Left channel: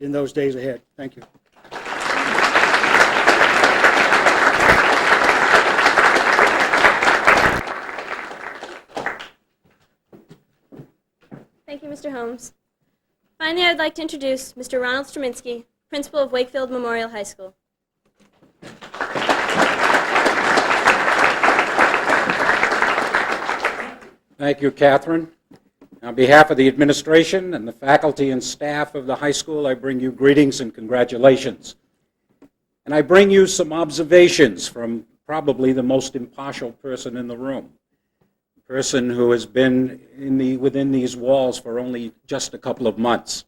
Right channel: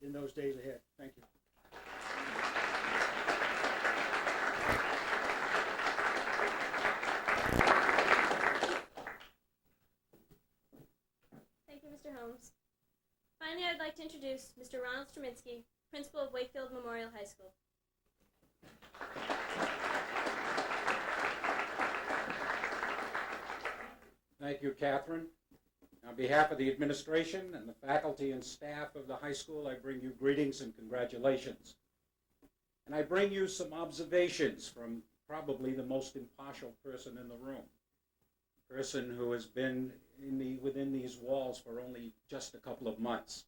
in those days ahead. Thank you. Thank you, Mr. Holmes. Finally, I'd like to introduce Mr. Ronald Strominski, principal of Wakefield Memorial High School. Thank you, Catherine. On behalf of the administration and the faculty and staff of the high school, I bring you greetings and congratulations. And I bring you some observations from probably the most impartial person in the room, a person who has been within these walls for only just a couple of months,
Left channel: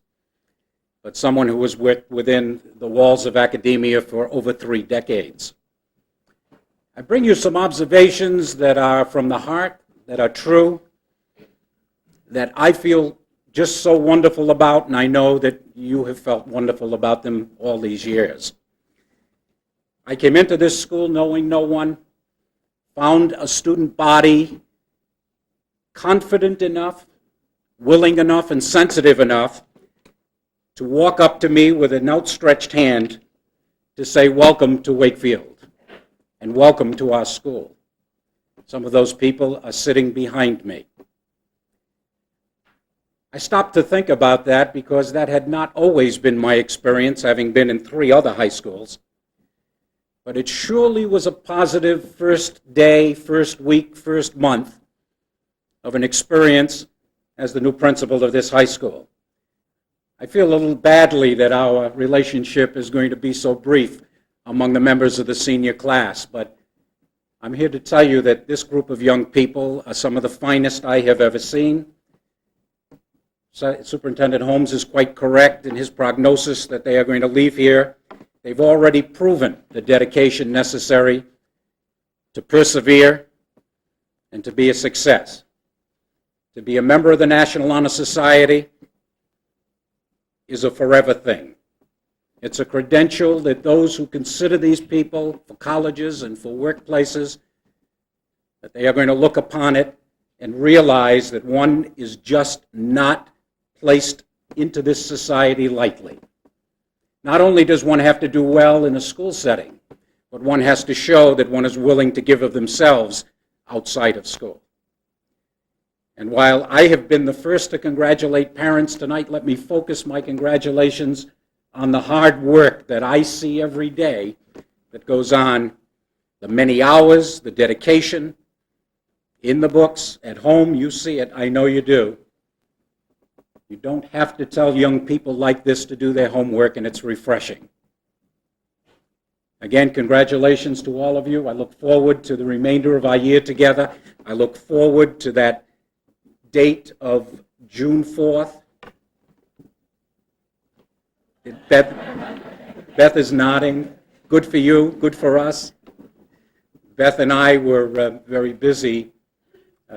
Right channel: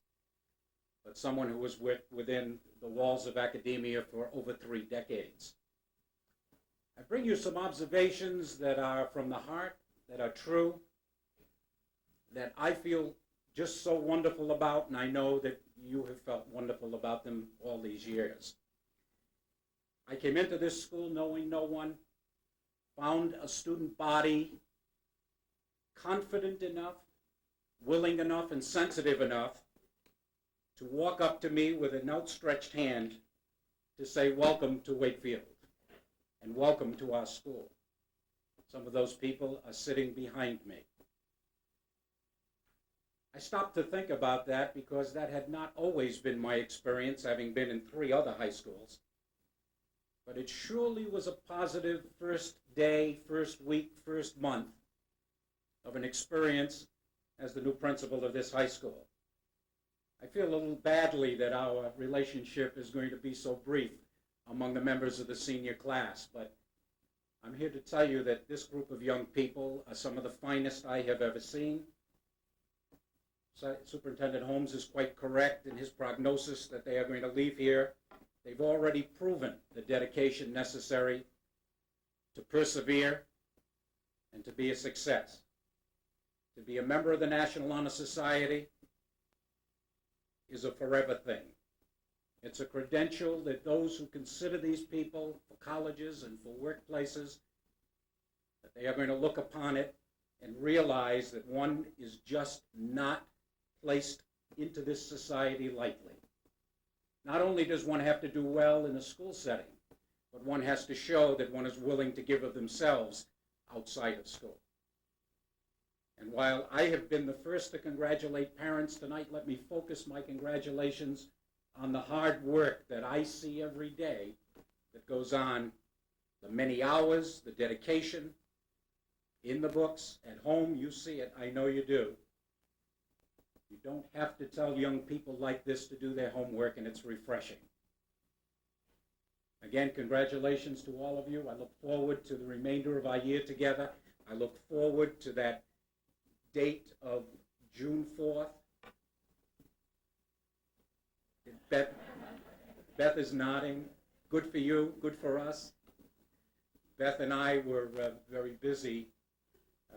but someone who was within the walls of academia for over 3 decades. I bring you some observations that are from the heart, that are true, that I feel just so wonderful about, and I know that you have felt wonderful about them all these years. I came into this school knowing no one, found a student body confident enough, willing enough, and sensitive enough to walk up to me with an outstretched hand to say, "Welcome to Wakefield, and welcome to our school." Some of those people are sitting behind me. I stopped to think about that because that had not always been my experience, having been in 3 other high schools. But it surely was a positive first day, first week, first month of an experience as the new principal of this high school. I feel a little badly that our relationship is going to be so brief among the members of the senior class, but I'm here to tell you that this group of young people are some of the finest I have ever seen. Superintendent Holmes is quite correct in his prognosis that they are going to leave here. They've already proven the dedication necessary to persevere and to be a success. To be a member of the National Honor Society is a forever thing. It's a credential that those who consider these people for colleges and for workplaces, that they are going to look upon it and realize that one is just not placed into this society lightly. Not only does one have to do well in a school setting, but one has to show that one is willing to give of themselves outside of school. And while I have been the first to congratulate parents tonight, let me focus my congratulations on the hard work that I see every day that goes on, the many hours, the dedication, in the books, at home, you see it, I know you do. You don't have to tell young people like this to do their homework, and it's refreshing. Again, congratulations to all of you. I look forward to the remainder of our year together. I look forward to that date of June 4th. Beth is nodding. Good for you, good for us. Beth and I were very busy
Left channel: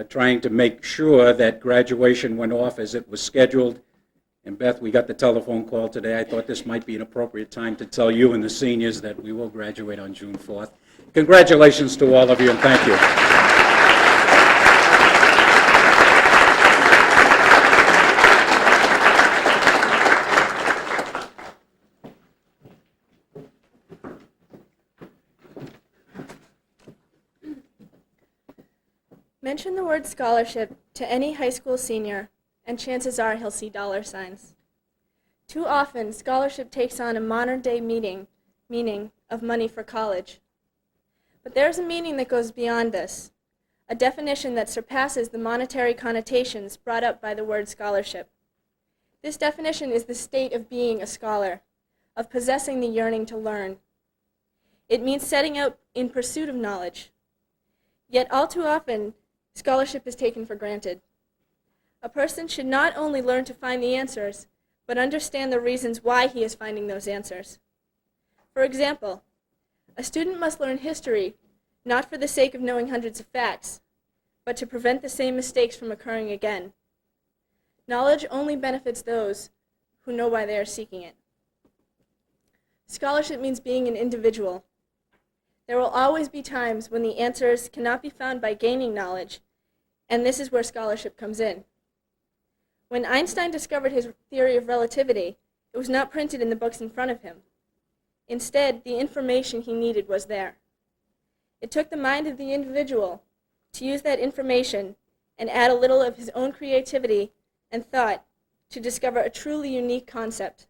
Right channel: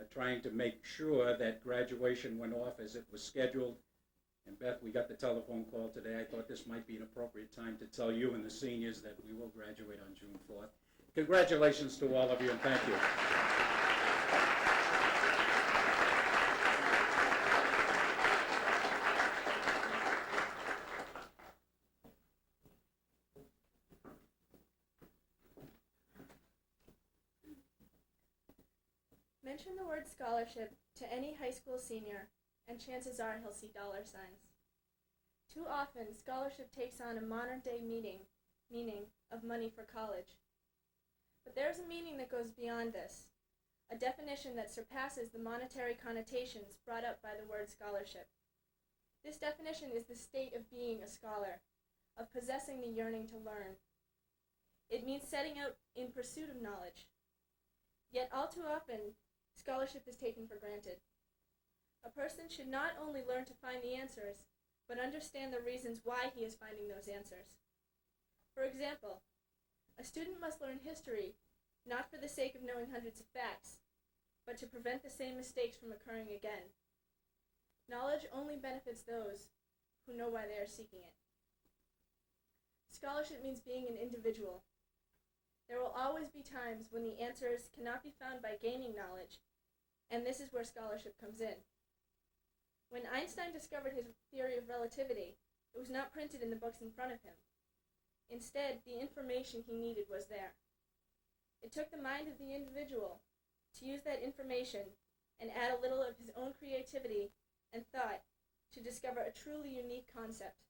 trying to make sure that graduation went off as it was scheduled. And Beth, we got the telephone call today. I thought this might be an appropriate time to tell you and the seniors that we will graduate on June 4th. Congratulations to all of you, and thank you. Mention the word scholarship to any high school senior, and chances are he'll see dollar signs. Too often, scholarship takes on a modern-day meaning of money for college. But there's a meaning that goes beyond this, a definition that surpasses the monetary connotations brought up by the word scholarship. This definition is the state of being a scholar, of possessing the yearning to learn. It means setting out in pursuit of knowledge. Yet all too often, scholarship is taken for granted. A person should not only learn to find the answers, but understand the reasons why he is finding those answers. For example, a student must learn history not for the sake of knowing hundreds of facts, but to prevent the same mistakes from occurring again. Knowledge only benefits those who know why they are seeking it. Scholarship means being an individual. There will always be times when the answers cannot be found by gaining knowledge, and this is where scholarship comes in. When Einstein discovered his theory of relativity, It was not printed in the books in front of him. Instead, the information he needed was there. It took the mind of the individual to use that information and add a little of his own creativity and thought to discover a truly unique concept.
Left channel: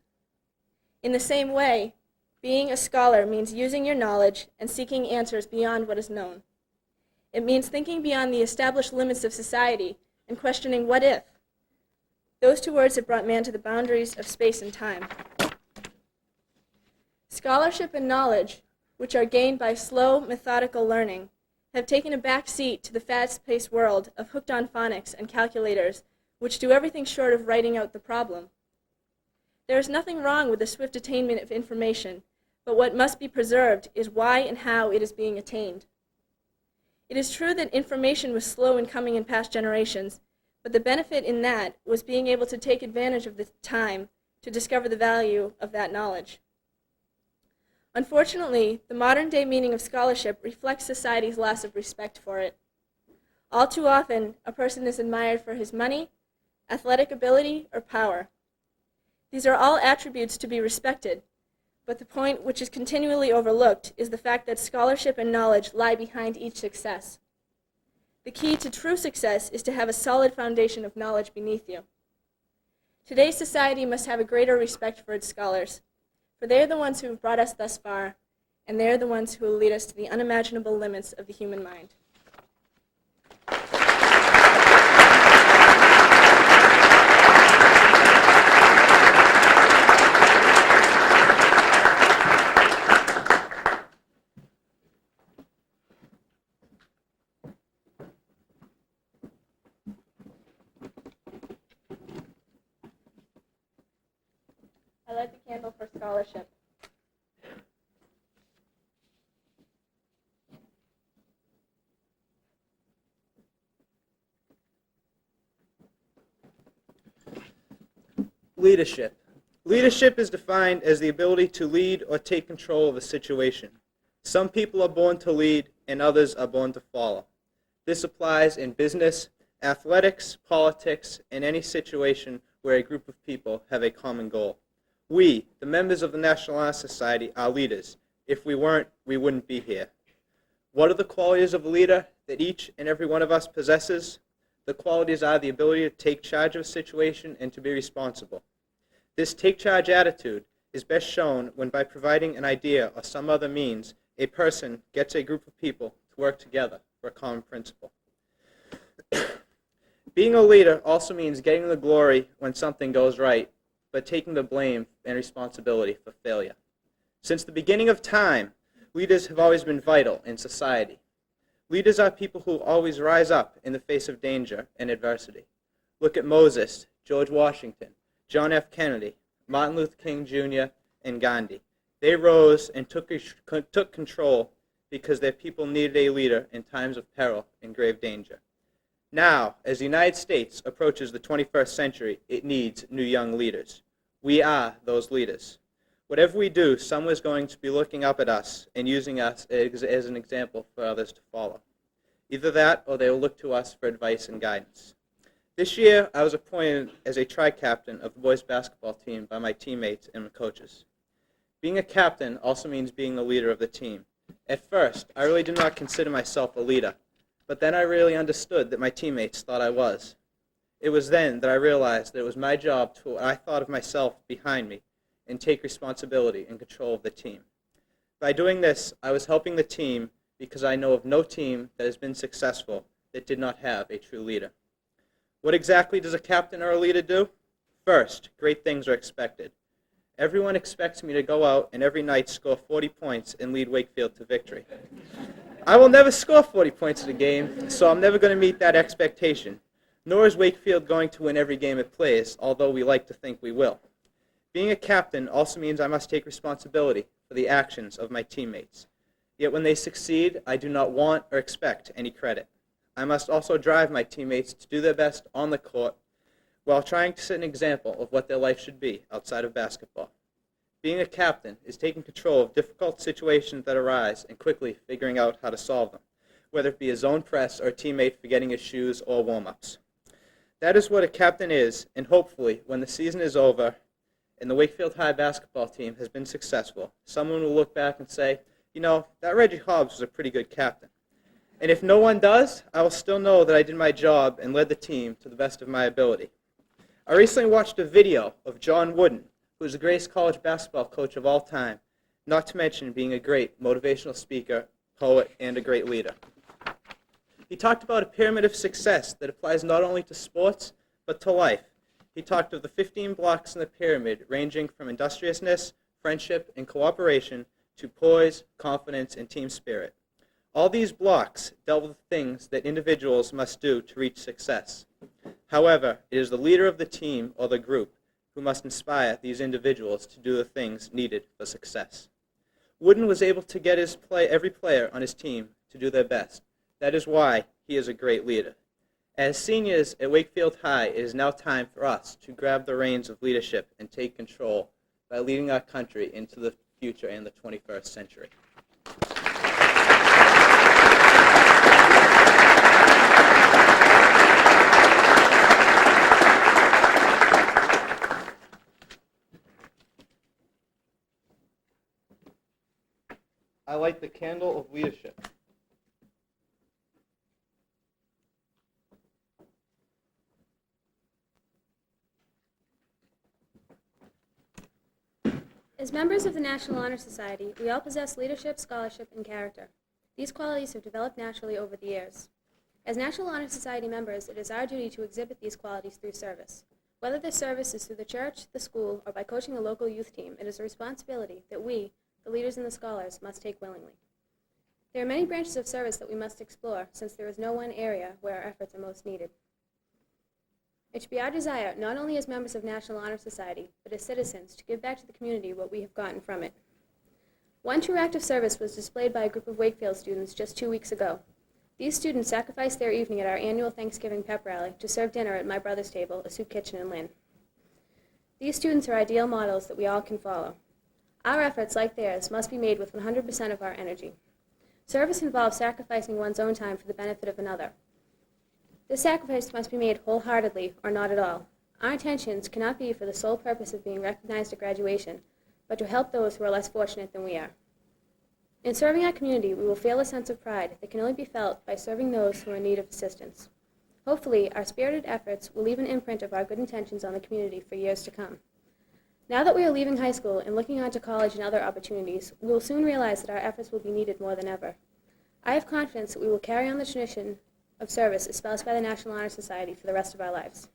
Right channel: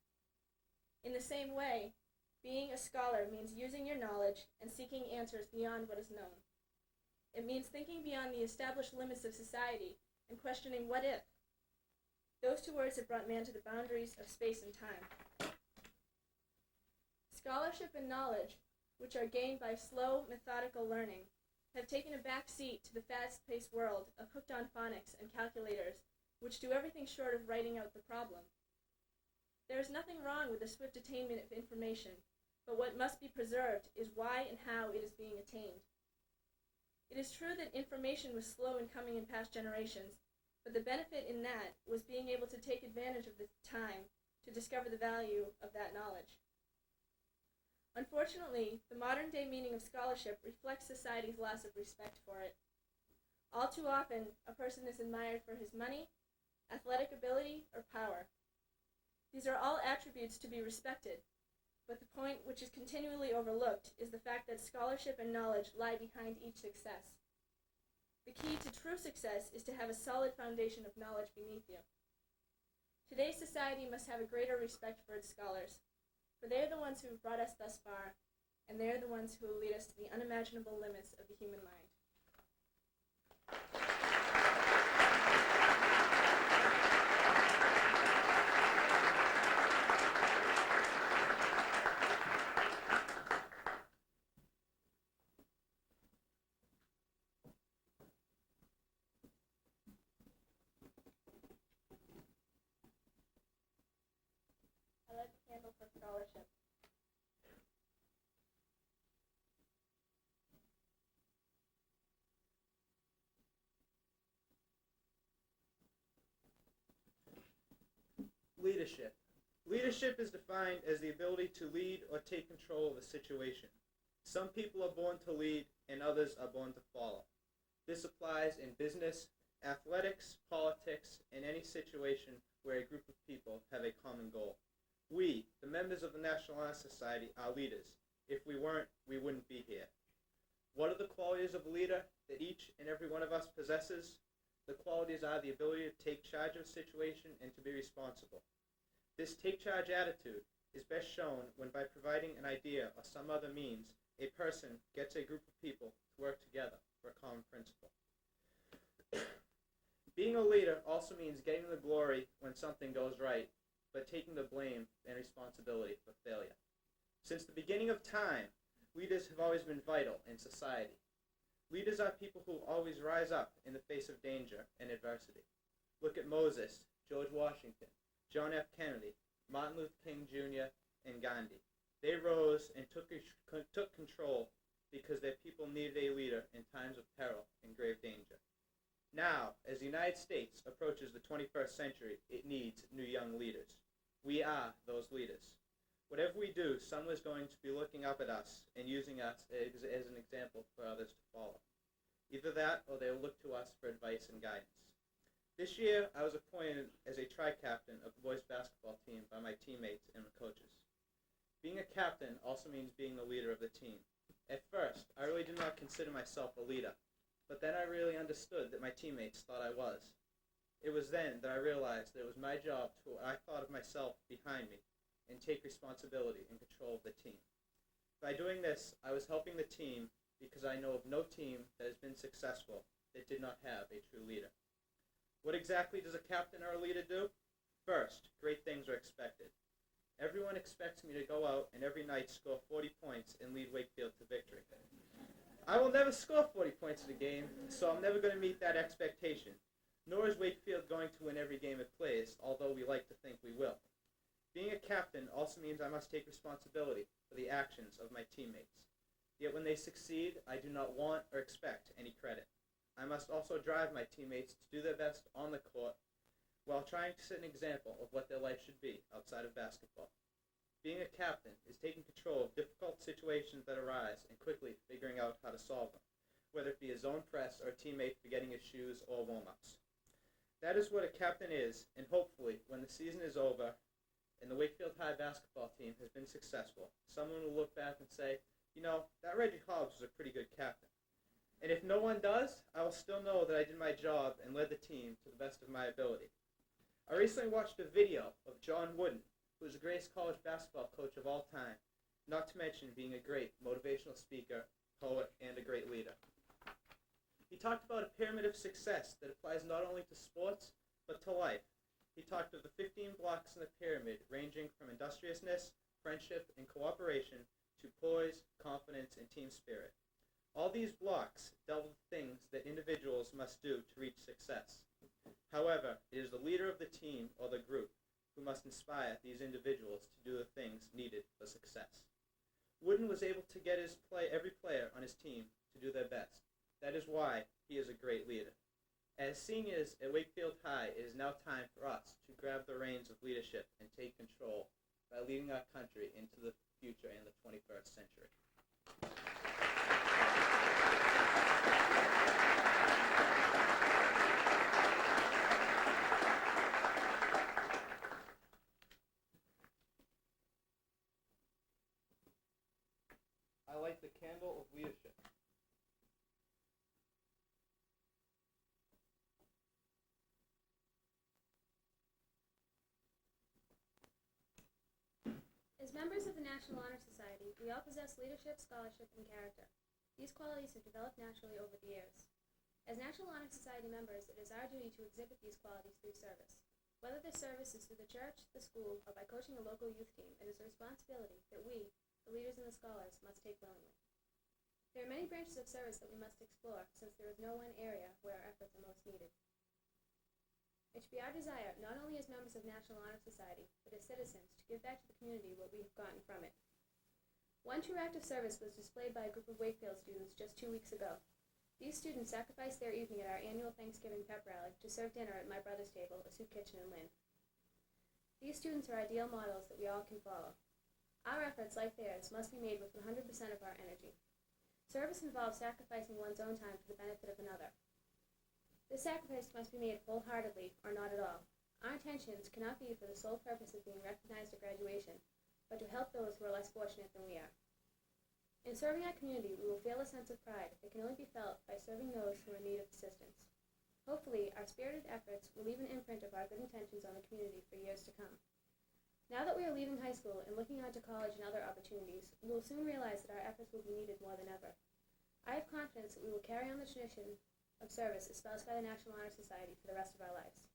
In the same way, being a scholar means using your knowledge and seeking answers beyond what is known. It means thinking beyond the established limits of society and questioning what if. Those two words have brought man to the boundaries of space and time. Scholarship and knowledge, which are gained by slow, methodical learning, have taken a back seat to the fast-paced world of hooked-on phonics and calculators, which do everything short of writing out the problem. There is nothing wrong with the swift attainment of information, but what must be preserved is why and how it is being attained. It is true that information was slow in coming in past generations, but the benefit in that was being able to take advantage of the time to discover the value of that knowledge. Unfortunately, the modern-day meaning of scholarship reflects society's loss of respect for it. All too often, a person is admired for his money, athletic ability, or power. These are all attributes to be respected, but the point which is continually overlooked is the fact that scholarship and knowledge lie behind each success. The key to true success is to have a solid foundation of knowledge beneath you. Today's society must have a greater respect for its scholars, for they are the ones who have brought us thus far, and they are the ones who will lead us to the unimaginable limits of the human mind. I light the candle for scholarship. Leadership. Leadership is defined as the ability to lead or take control of a situation. Some people are born to lead and others are born to follow. This applies in business, athletics, politics, and any situation where a group of people have a common goal. We, the members of the National Honor Society, are leaders. If we weren't, we wouldn't be here. What are the qualities of a leader that each and every one of us possesses? The qualities are the ability to take charge of a situation and to be responsible. This take-charge attitude is best shown when by providing an idea or some other means, a person gets a group of people to work together for a common principle. Being a leader also means getting the glory when something goes right, but taking the blame and responsibility for failure. Since the beginning of time, leaders have always been vital in society. Leaders are people who always rise up in the face of danger and adversity. Look at Moses, George Washington, John F. Kennedy, Martin Luther King Jr., and Gandhi. They rose and took control because their people needed a leader in times of peril and grave danger. Now, as the United States approaches the 21st century, it needs new young leaders. We are those leaders. Whatever we do, someone is going to be looking up at us and using us as an example for others to follow. Either that, or they will look to us for advice and guidance. This year, I was appointed as a tri-captain of the boys basketball team by my teammates and my coaches. Being a captain also means being the leader of the team. At first, I really did not consider myself a leader, but then I really understood that my teammates thought I was. It was then that I realized that it was my job to put what I thought of myself behind me and take responsibility and control of the team. By doing this, I was helping the team because I know of no team that has been successful that did not have a true leader. What exactly does a captain or a leader do? First, great things are expected. Everyone expects me to go out and every night score 40 points and lead Wakefield to victory. I will never score 40 points in a game, so I'm never going to meet that expectation. Nor is Wakefield going to win every game it plays, although we like to think we will. Being a captain also means I must take responsibility for the actions of my teammates. Yet when they succeed, I do not want or expect any credit. I must also drive my teammates to do their best on the court while trying to set an example of what their life should be outside of basketball. Being a captain is taking control of difficult situations that arise and quickly figuring out how to solve them, whether it be a zone press or a teammate forgetting his shoes or warm-ups. That is what a captain is, and hopefully, when the season is over and the Wakefield High basketball team has been successful, someone will look back and say, you know, that Reggie Hobbs was a pretty good captain. And if no one does, I will still know that I did my job and led the team to the best of my ability. I recently watched a video of John Wooden, who is the greatest college basketball coach of all time, not to mention being a great motivational speaker, poet, and a great leader. He talked about a pyramid of success that applies not only to sports, but to life. He talked of the 15 blocks in the pyramid ranging from industriousness, friendship, and cooperation to poise, confidence, and team spirit. All these blocks dealt with things that individuals must do to reach success. However, it is the leader of the team or the group who must inspire these individuals to do the things needed for success. Wooden was able to get every player on his team to do their best. That is why he is a great leader. As seniors at Wakefield High, it is now time for us to grab the reins of leadership and take control by leading our country into the future and the 21st century. I light the candle of leadership. As members of the National Honor Society, we all possess leadership, scholarship, and character. These qualities have developed naturally over the years. As National Honor Society members, it is our duty to exhibit these qualities through service. Whether this service is through the church, the school, or by coaching the local youth team, it is a responsibility that we, the leaders and the scholars, must take willingly. There are many branches of service that we must explore, since there is no one area where our efforts are most needed. It should be our desire, not only as members of National Honor Society, but as citizens, to give back to the community what we have gotten from it. One true act of service was displayed by a group of Wakefield students just 2 weeks ago. These students sacrificed their evening at our annual Thanksgiving pep rally to serve dinner at my brother's table, a soup kitchen in Lynn. These students are ideal models that we all can follow. Our efforts, like theirs, must be made with 100% of our energy. Service involves sacrificing one's own time for the benefit of another. This sacrifice must be made wholeheartedly or not at all. Our intentions cannot be for the sole purpose of being recognized at graduation, but to help those who are less fortunate than we are. In serving our community, we will feel a sense of pride that can only be felt by serving those who are in need of assistance. Hopefully, our spirited efforts will leave an imprint of our good intentions on the community for years to come. Now that we are leaving high school and looking on to college and other opportunities, we will soon realize that our efforts will be needed more than ever. I have confidence that we will carry on the tradition of service espoused by the National Honor Society for the rest of our lives.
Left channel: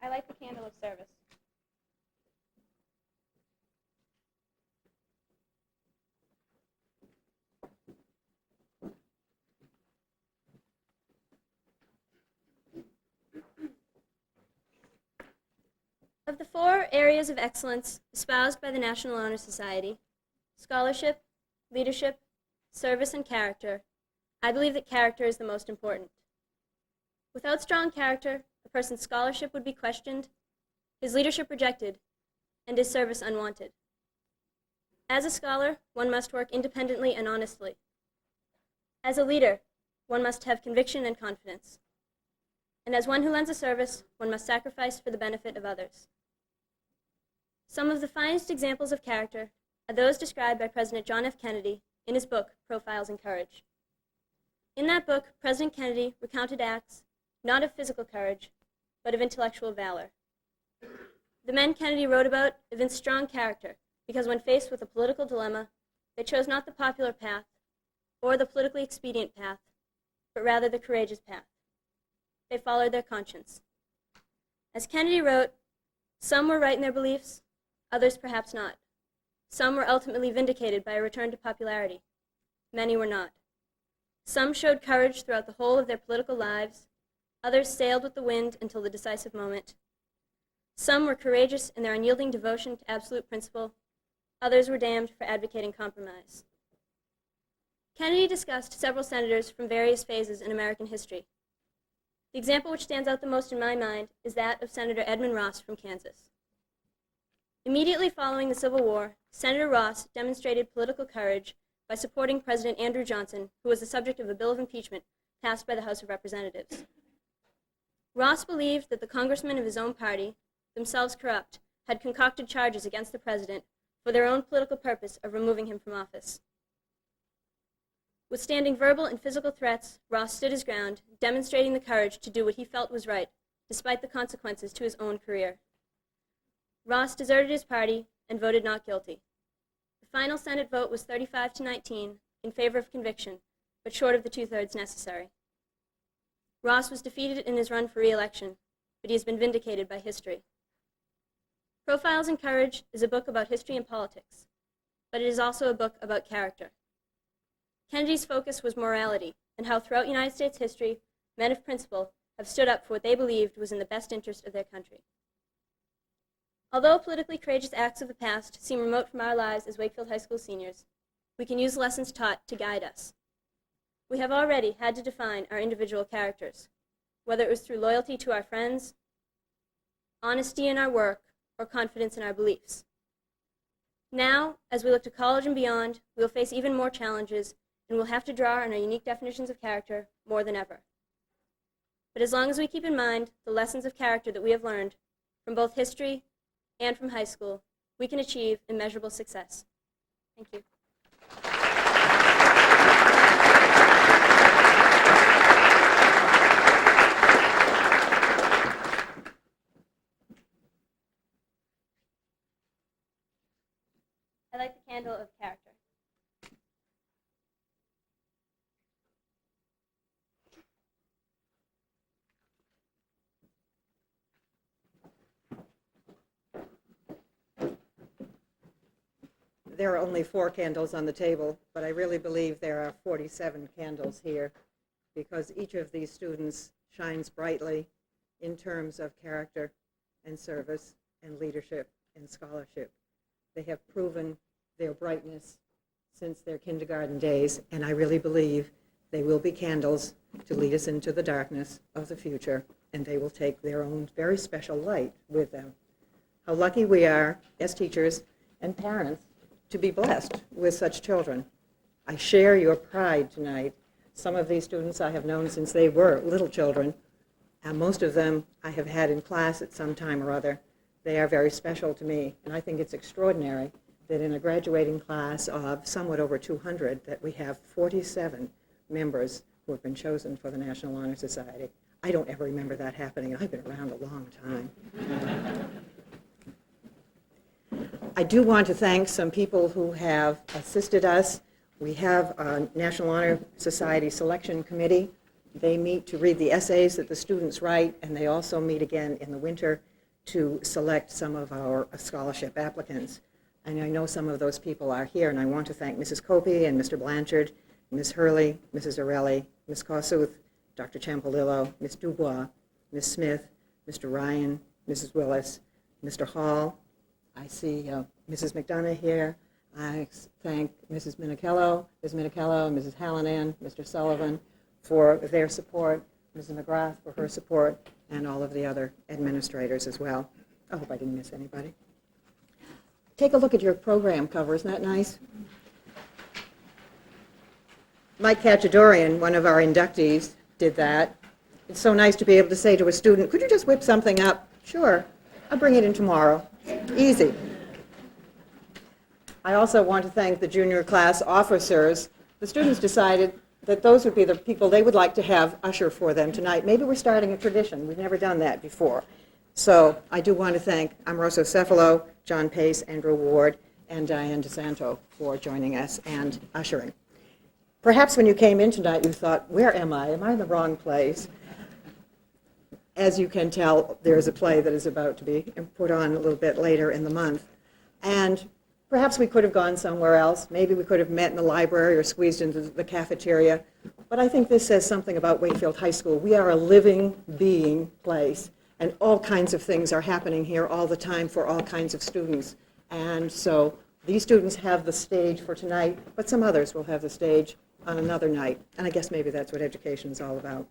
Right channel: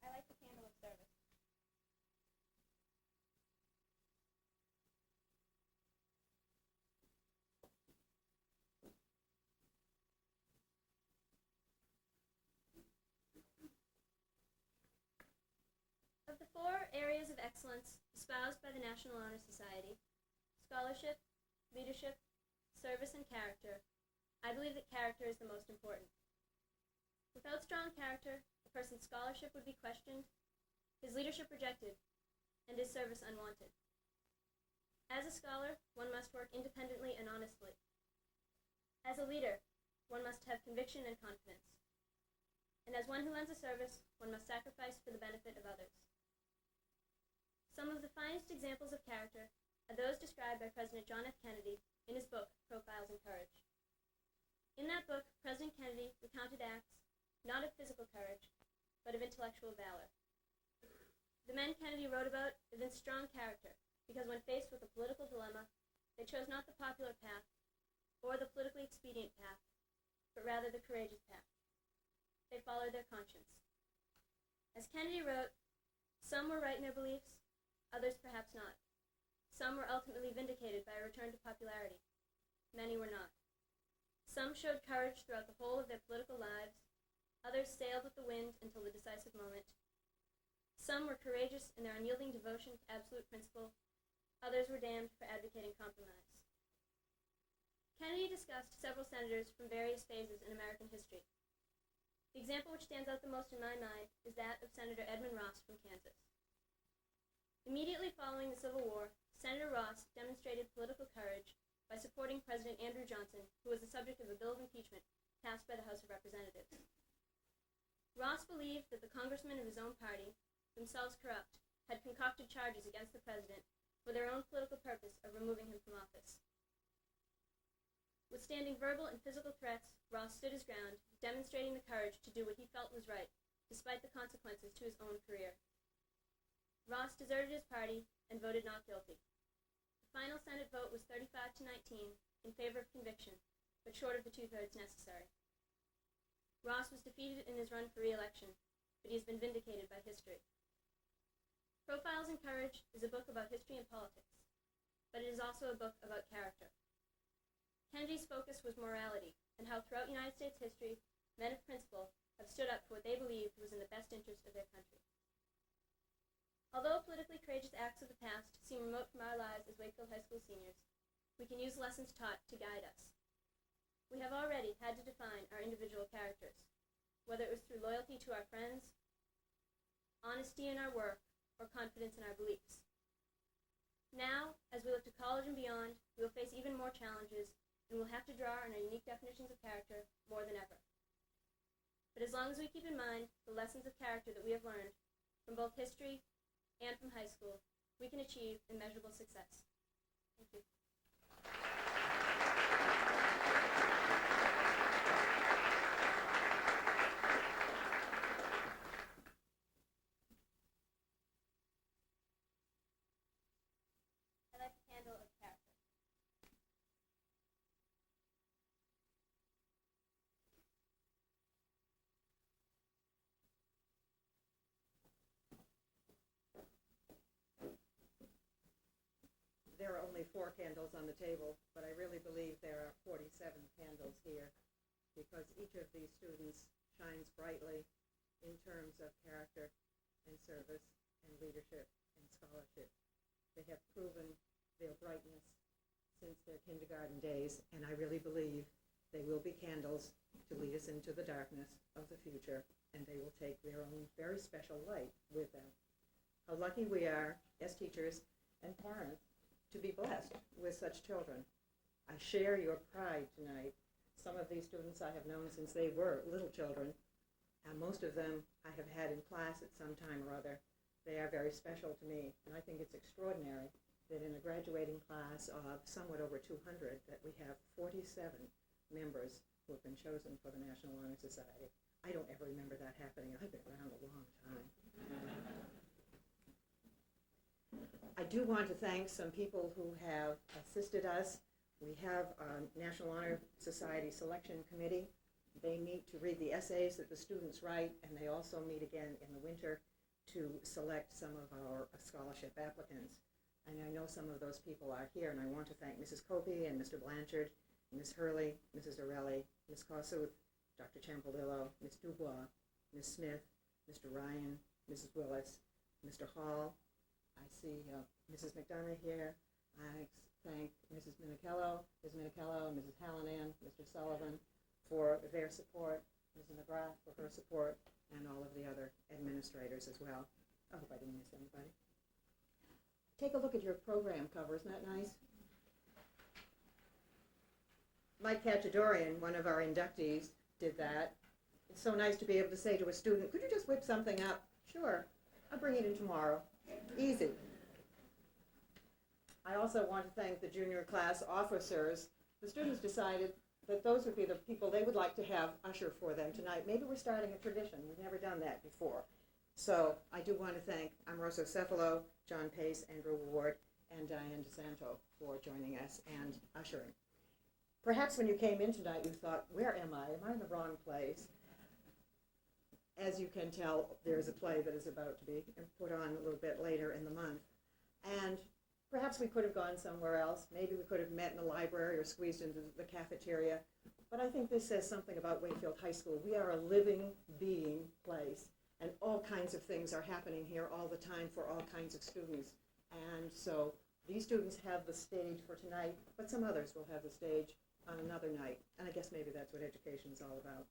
I light the candle of service. Of the 4 areas of excellence espoused by the National Honor Society, scholarship, leadership, service, and character, I believe that character is the most important. Without strong character, a person's scholarship would be questioned, his leadership rejected, and his service unwanted. As a scholar, one must work independently and honestly. As a leader, one must have conviction and confidence. And as one who lends a service, one must sacrifice for the benefit of others. Some of the finest examples of character are those described by President John F. Kennedy in his book, Profiles in Courage. In that book, President Kennedy recounted acts not of physical courage, but of intellectual valor. The men Kennedy wrote about evinced strong character because when faced with a political dilemma, they chose not the popular path or the politically expedient path, but rather the courageous path. They followed their conscience. As Kennedy wrote, some were right in their beliefs, others perhaps not. Some were ultimately vindicated by a return to popularity. Many were not. Some showed courage throughout the whole of their political lives. Others sailed with the wind until the decisive moment. Some were courageous in their unyielding devotion to absolute principle. Others were damned for advocating compromise. Kennedy discussed several senators from various phases in American history. The example which stands out the most in my mind is that of Senator Edmund Ross from Kansas. Immediately following the Civil War, Senator Ross demonstrated political courage by supporting President Andrew Johnson, who was the subject of a bill of impeachment passed by the House of Representatives. Ross believed that the congressmen of his own party, themselves corrupt, had concocted charges against the president for their own political purpose of removing him from office. Withstanding verbal and physical threats, Ross stood his ground, demonstrating the courage to do what he felt was right, despite the consequences to his own career. Ross deserted his party and voted not guilty. The final Senate vote was 35-19 in favor of conviction, but short of the two-thirds necessary. Ross was defeated in his run for re-election, but he has been vindicated by history. Profiles in Courage is a book about history and politics, but it is also a book about character. Kennedy's focus was morality, and how throughout United States history, men of principle have stood up for what they believed was in the best interest of their country. Although politically courageous acts of the past seem remote from our lives as Wakefield High School seniors, we can use lessons taught to guide us. We have already had to define our individual characters, whether it was through loyalty to our friends, honesty in our work, or confidence in our beliefs. Now, as we look to college and beyond, we will face even more challenges and will have to draw on our unique definitions of character more than ever. But as long as we keep in mind the lessons of character that we have learned from both history and from high school, we can achieve immeasurable success. Thank you. I light the candle of character. There are only 4 candles on the table, but I really believe there are 47 candles here because each of these students shines brightly in terms of character and service and leadership and scholarship. They have proven their brightness since their kindergarten days, and I really believe they will be candles to lead us into the darkness of the future, and they will take their own very special light with them. How lucky we are as teachers and parents to be blessed with such children. I share your pride tonight. Some of these students I have known since they were little children, and most of them I have had in class at some time or other. They are very special to me, and I think it's extraordinary that in a graduating class of somewhat over 200 that we have 47 members who have been chosen for the National Honor Society. I don't ever remember that happening, and I've been around a long time. I do want to thank some people who have assisted us. We have a National Honor Society Selection Committee. They meet to read the essays that the students write, and they also meet again in the winter to select some of our scholarship applicants. And I know some of those people are here, and I want to thank Mrs. Copey and Mr. Blanchard, Ms. Hurley, Mrs. Orelli, Ms. Kossuth, Dr. Ciampolillo, Ms. Dubois, Ms. Smith, Mr. Ryan, Mrs. Willis, Mr. Hall. I see Mrs. McDonough here. I thank Mrs. Minichello, Ms. Minichello, Mrs. Halligan, Mr. Sullivan for their support, Mrs. McGrath for her support, and all of the other administrators as well. I hope I didn't miss anybody. Take a look at your program cover. Isn't that nice? Mike Cachadorian, one of our inductees, did that. It's so nice to be able to say to a student, could you just whip something up? Sure, I'll bring it in tomorrow. Easy. I also want to thank the junior class officers. The students decided that those would be the people they would like to have usher for them tonight. Maybe we're starting a tradition. We've never done that before. So I do want to thank Amoroso Cefalo, John Pace, Andrew Ward, and Diane DeSanto for joining us and ushering. Perhaps when you came in tonight, you thought, where am I? Am I in the wrong place? As you can tell, there's a play that is about to be put on a little bit later in the month. And perhaps we could have gone somewhere else. Maybe we could have met in the library or squeezed into the cafeteria. But I think this says something about Wakefield High School. We are a living, being place. And all kinds of things are happening here all the time for all kinds of students. And so these students have the stage for tonight, but some others will have the stage on another night. And I guess maybe that's what education is all about.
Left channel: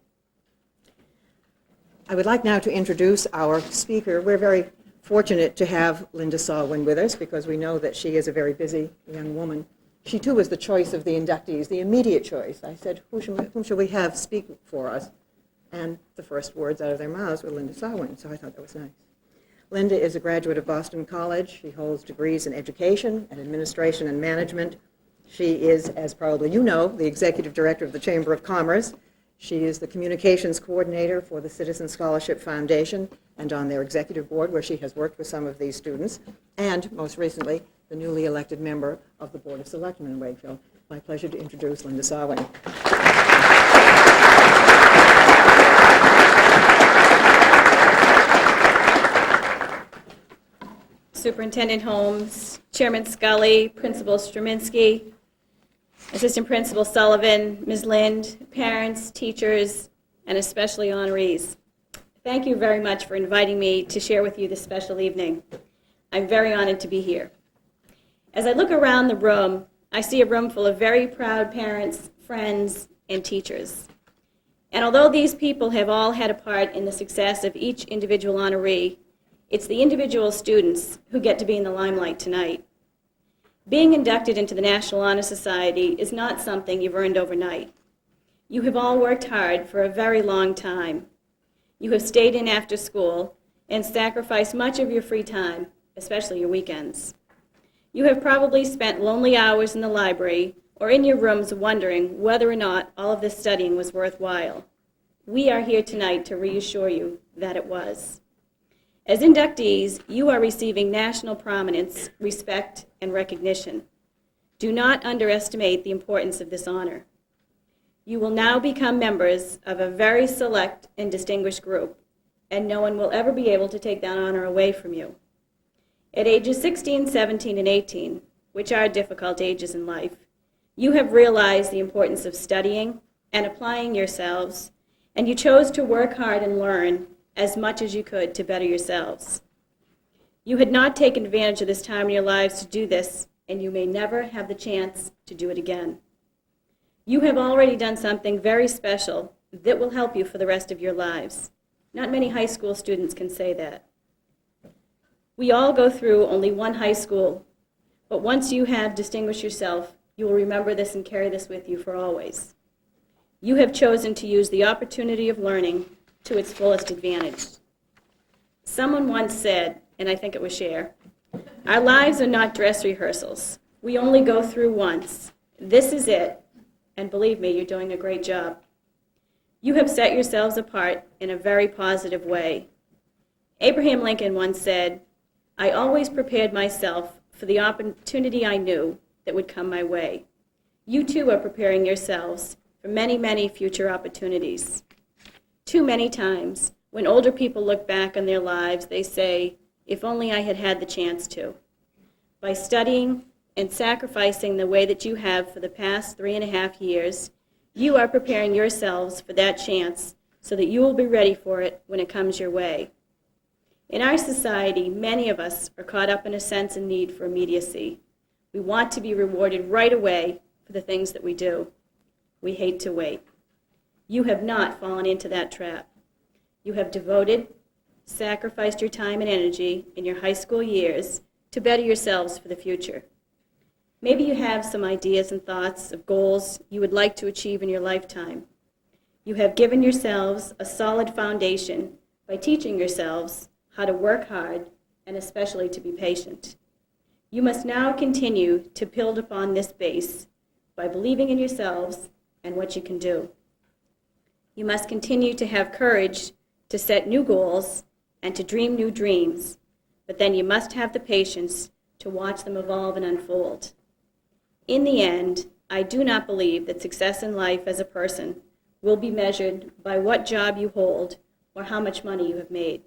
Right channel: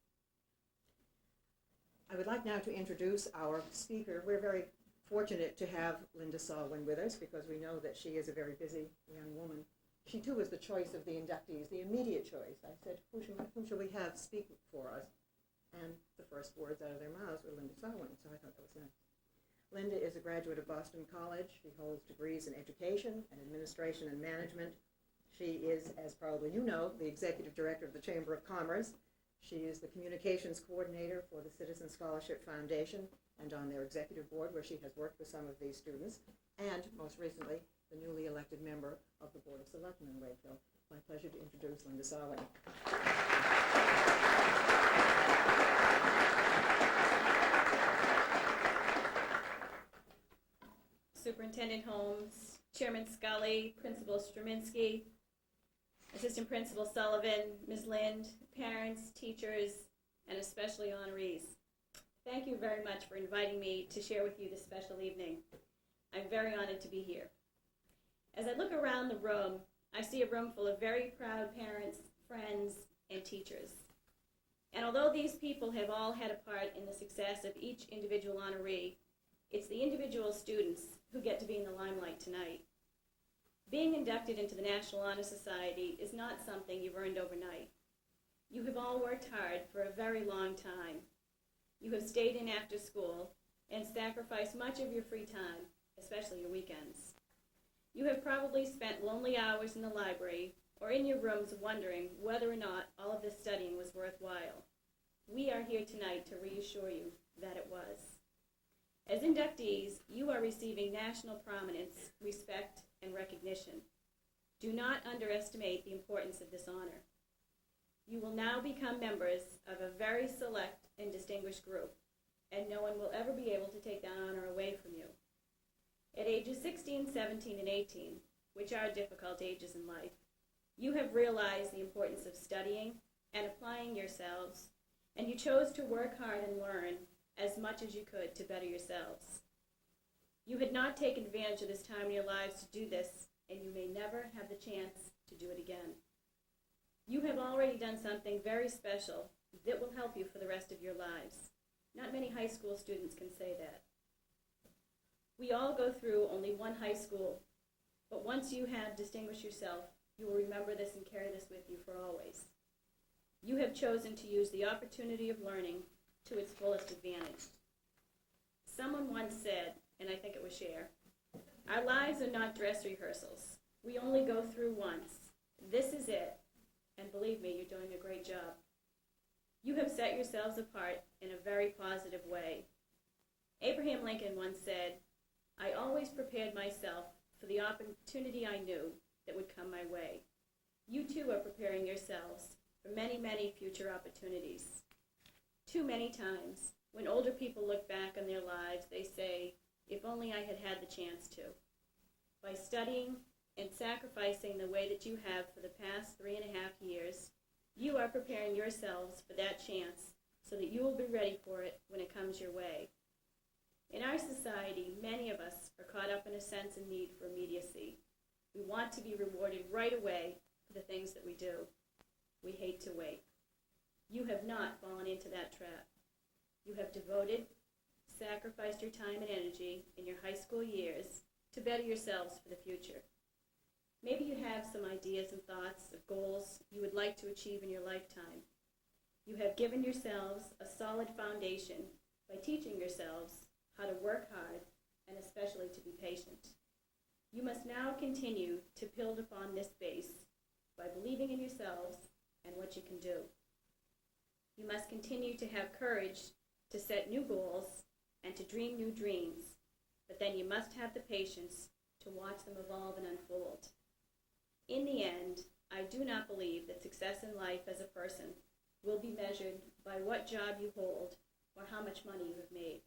I would like now to introduce our speaker. We're very fortunate to have Linda Salwin with us because we know that she is a very busy young woman she too was the choice of the inductees, the immediate choice. I said, whom shall we have speak for us? And the first words out of their mouths were Linda Sawin, so I thought that was nice. Linda is a graduate of Boston College. She holds degrees in education and administration and management. She is, as probably you know, the executive director of the Chamber of Commerce. She is the communications coordinator for the Citizen Scholarship Foundation and on their executive board, where she has worked with some of these students, and most recently, the newly elected member of the Board of Selectmen in Wakefield. My pleasure to introduce Linda Sawin. Superintendent Holmes, Chairman Scully, Principal Straminsky, Assistant Principal Sullivan, Ms. Lind, parents, teachers, and especially honorees. Thank you very much for inviting me to share with you this special evening. I'm very honored to be here. As I look around the room, I see a room full of very proud parents, friends, and teachers. And although these people have all had a part in the success of each individual honoree, it's the individual students who get to be in the limelight tonight. Being inducted into the National Honor Society is not something you've earned overnight. You have all worked hard for a very long time. You have stayed in after school and sacrificed much of your free time, especially your weekends. You have probably spent lonely hours in the library or in your rooms wondering whether or not all of this studying was worthwhile. We are here tonight to reassure you that it was. As inductees, you are receiving national prominence, respect, and recognition. Do not underestimate the importance of this honor. You will now become members of a very select and distinguished group, and no one will ever be able to take that honor away from you. At ages 16, 17, and 18, which are difficult ages in life, you have realized the importance of studying and applying yourselves, and you chose to work hard and learn as much as you could to better yourselves. You had not taken advantage of this time in your lives to do this, and you may never have the chance to do it again. You have already done something very special that will help you for the rest of your lives. Not many high school students can say that. We all go through only one high school, but once you have distinguished yourself, you will remember this and carry this with you for always. You have chosen to use the opportunity of learning to its fullest advantage. Someone once said, and I think it was Cher, our lives are not dress rehearsals. We only go through once. This is it, and believe me, you're doing a great job. You have set yourselves apart in a very positive way. Abraham Lincoln once said, I always prepared myself for the opportunity I knew that would come my way. You too are preparing yourselves for many, many future opportunities. Too many times, when older people look back on their lives, they say, if only I had had the chance to. By studying and sacrificing the way that you have for the past 3.5 years, you are preparing yourselves for that chance so that you will be ready for it when it comes your way. In our society, many of us are caught up in a sense and need for immediacy. We want to be rewarded right away for the things that we do. We hate to wait. You have not fallen into that trap. You have devoted, sacrificed your time and energy in your high school years to better yourselves for the future. Maybe you have some ideas and thoughts of goals you would like to achieve in your lifetime. You have given yourselves a solid foundation by teaching yourselves how to work hard and especially to be patient. You must now continue to build upon this base by believing in yourselves and what you can do. You must continue to have courage to set new goals and to dream new dreams, but then you must have the patience to watch them evolve and unfold. In the end, I do not believe that success in life as a person will be measured by what job you hold or how much money you have made.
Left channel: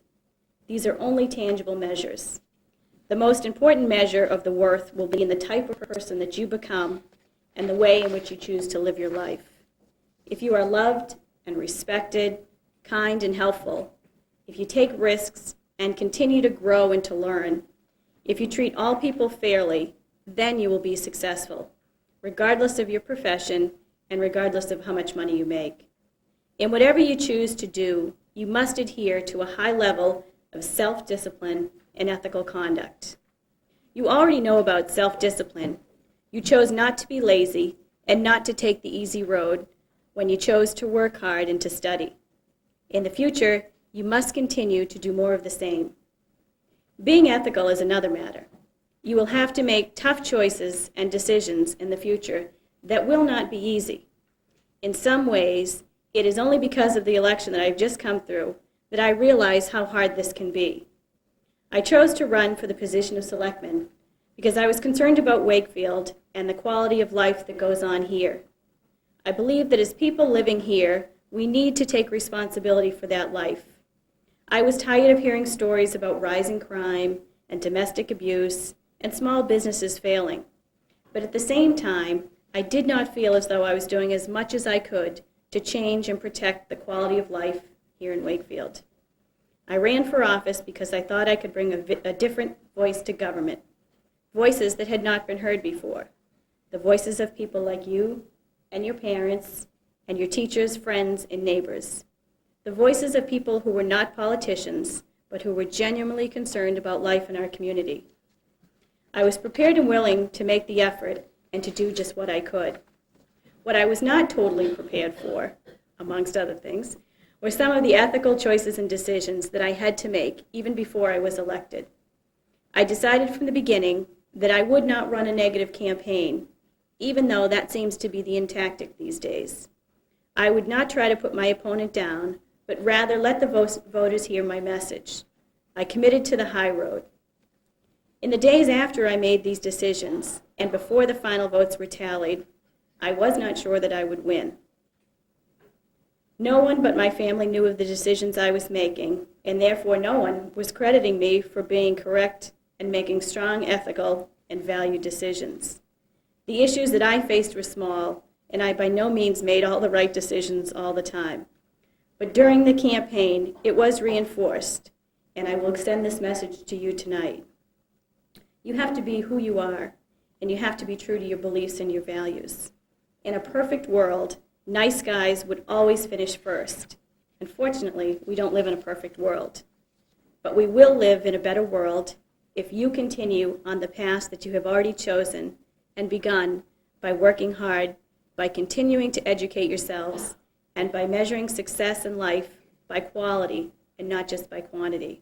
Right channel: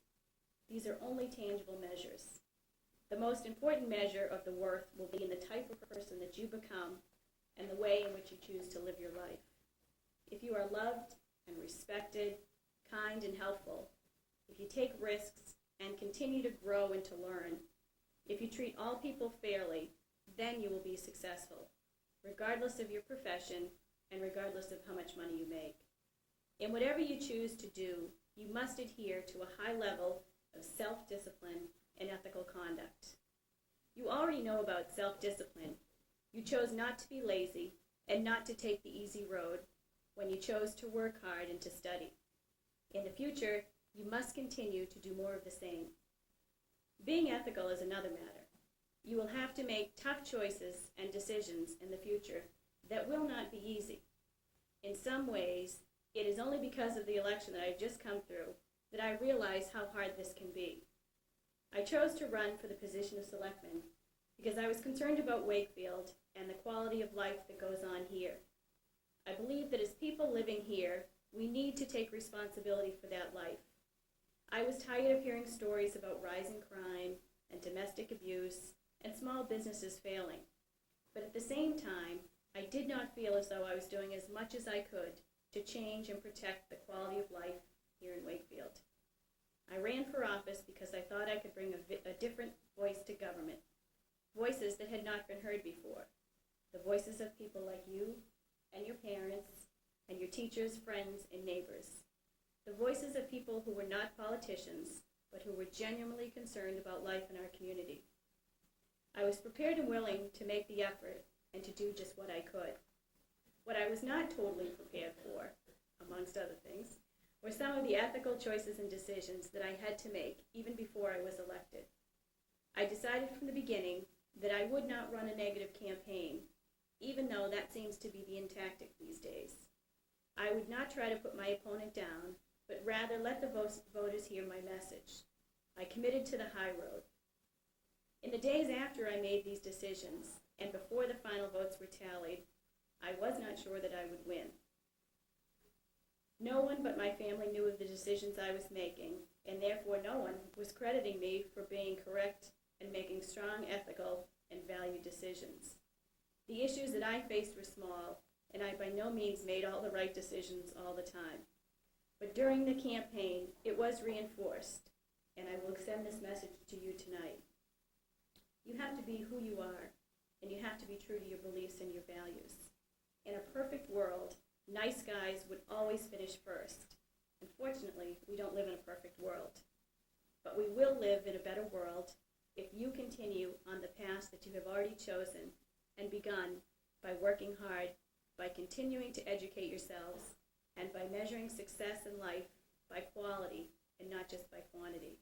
These are only tangible measures. The most important measure of the worth will be in the type of person that you become and the way in which you choose to live your life. If you are loved and respected, kind and helpful, if you take risks and continue to grow and to learn, if you treat all people fairly, then you will be successful, regardless of your profession and regardless of how much money you make. In whatever you choose to do, you must adhere to a high level of self-discipline and ethical conduct. You already know about self-discipline. You chose not to be lazy and not to take the easy road when you chose to work hard and to study. In the future, you must continue to do more of the same. Being ethical is another matter. You will have to make tough choices and decisions in the future that will not be easy. In some ways, it is only because of the election that I've just come through that I realize how hard this can be. I chose to run for the position of selectman because I was concerned about Wakefield and the quality of life that goes on here. I believe that as people living here, we need to take responsibility for that life. I was tired of hearing stories about rising crime and domestic abuse and small businesses failing. But at the same time, I did not feel as though I was doing as much as I could to change and protect the quality of life here in Wakefield. I ran for office because I thought I could bring a different voice to government, voices that had not been heard before, the voices of people like you and your parents and your teachers, friends, and neighbors, the voices of people who were not politicians, but who were genuinely concerned about life in our community. I was prepared and willing to make the effort and to do just what I could. What I was not totally prepared for, amongst other things, were some of the ethical choices and decisions that I had to make even before I was elected. I decided from the beginning that I would not run a negative campaign, even though that seems to be the tactic these days. I would not try to put my opponent down, but rather let the voters hear my message. I committed to the high road. In the days after I made these decisions, and before the final votes were tallied, I was not sure that I would win. No one but my family knew of the decisions I was making, and therefore no one was crediting me for being correct and making strong ethical and valued decisions. The issues that I faced were small, and I by no means made all the right decisions all the time. But during the campaign, it was reinforced, and I will extend this message to you tonight. You have to be who you are, and you have to be true to your beliefs and your values. In a perfect world, nice guys would always finish first. Unfortunately, we don't live in a perfect world. But we will live in a better world if you continue on the path that you have already chosen and begun by working hard, by continuing to educate yourselves, and by measuring success in life by quality and not just by quantity.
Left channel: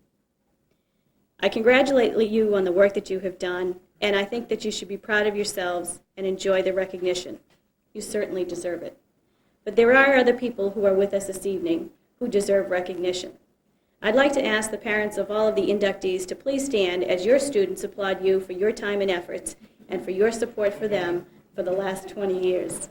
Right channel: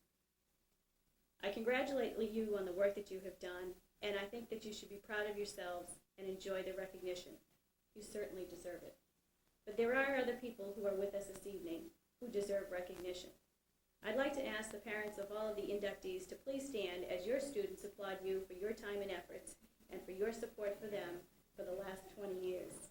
I congratulate you on the work that you have done, and I think that you should be proud of yourselves and enjoy the recognition. You certainly deserve it. But there are other people who are with us this evening who deserve recognition. I'd like to ask the parents of all of the inductees to please stand as your students applaud you for your time and efforts and for your support for them for the last 20 years.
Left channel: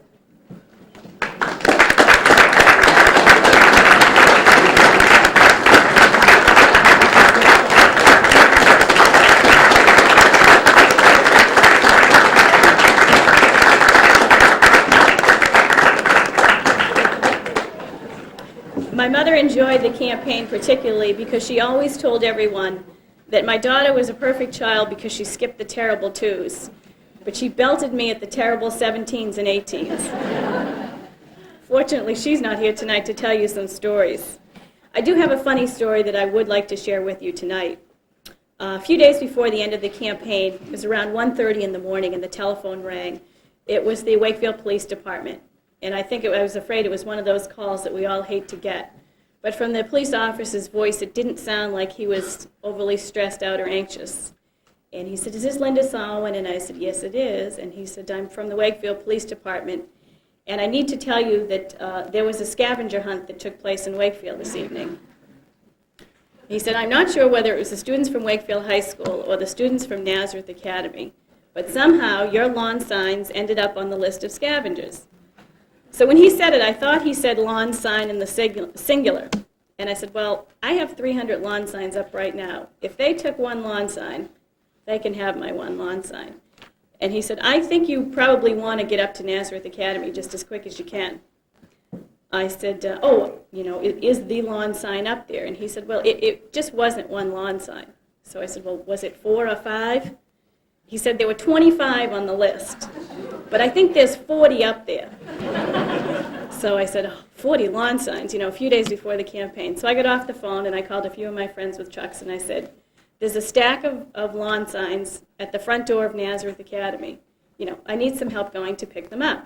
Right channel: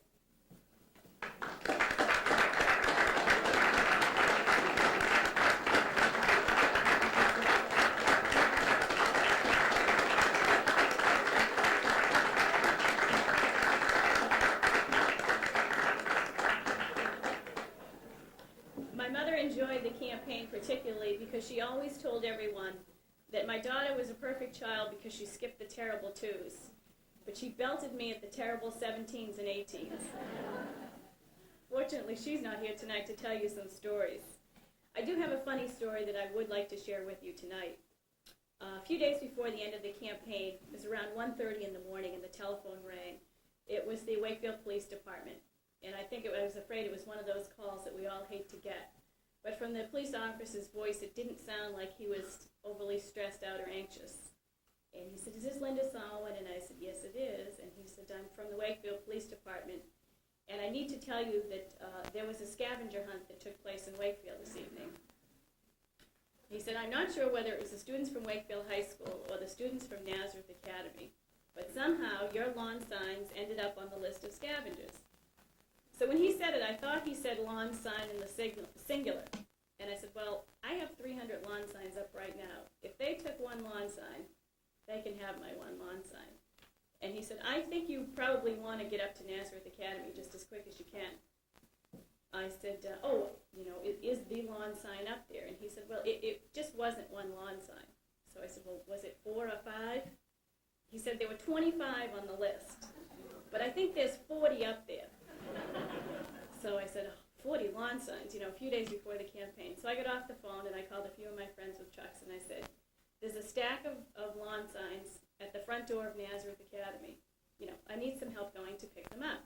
My mother enjoyed the campaign particularly because she always told everyone that my daughter was a perfect child because she skipped the terrible 2s, but she belted me at the terrible 17s and 18s. Fortunately, she's not here tonight to tell you some stories. I do have a funny story that I would like to share with you tonight. A few days before the end of the campaign, it was around 1:30 in the morning and the telephone rang. It was the Wakefield Police Department. And I was afraid it was one of those calls that we all hate to get. But from the police officer's voice, it didn't sound like he was overly stressed out or anxious. And he said, "Is this Linda Solomon?" And I said, "Yes, it is." And he said, "I'm from the Wakefield Police Department. And I need to tell you that there was a scavenger hunt that took place in Wakefield this evening." He said, "I'm not sure whether it was the students from Wakefield High School or the students from Nazareth Academy, but somehow your lawn signs ended up on the list of scavengers." So when he said it, I thought he said lawn sign in the singular. And I said, "Well, I have 300 lawn signs up right now. If they took one lawn sign, they can have my one lawn sign." And he said, "I think you probably want to get up to Nazareth Academy just as quick as you can." I said, is the lawn sign up there?" And he said, "Well, it just wasn't one lawn sign." So I said, "Well, was it 4 or 5? He said there were 25 on the list, but I think there's 40 up there. So I said, 40 lawn signs, a few days before the campaign. So I got off the phone and I called a few of my friends with trucks and I said, "There's a stack of lawn signs at the front door of Nazareth Academy. I need some help going to pick them up.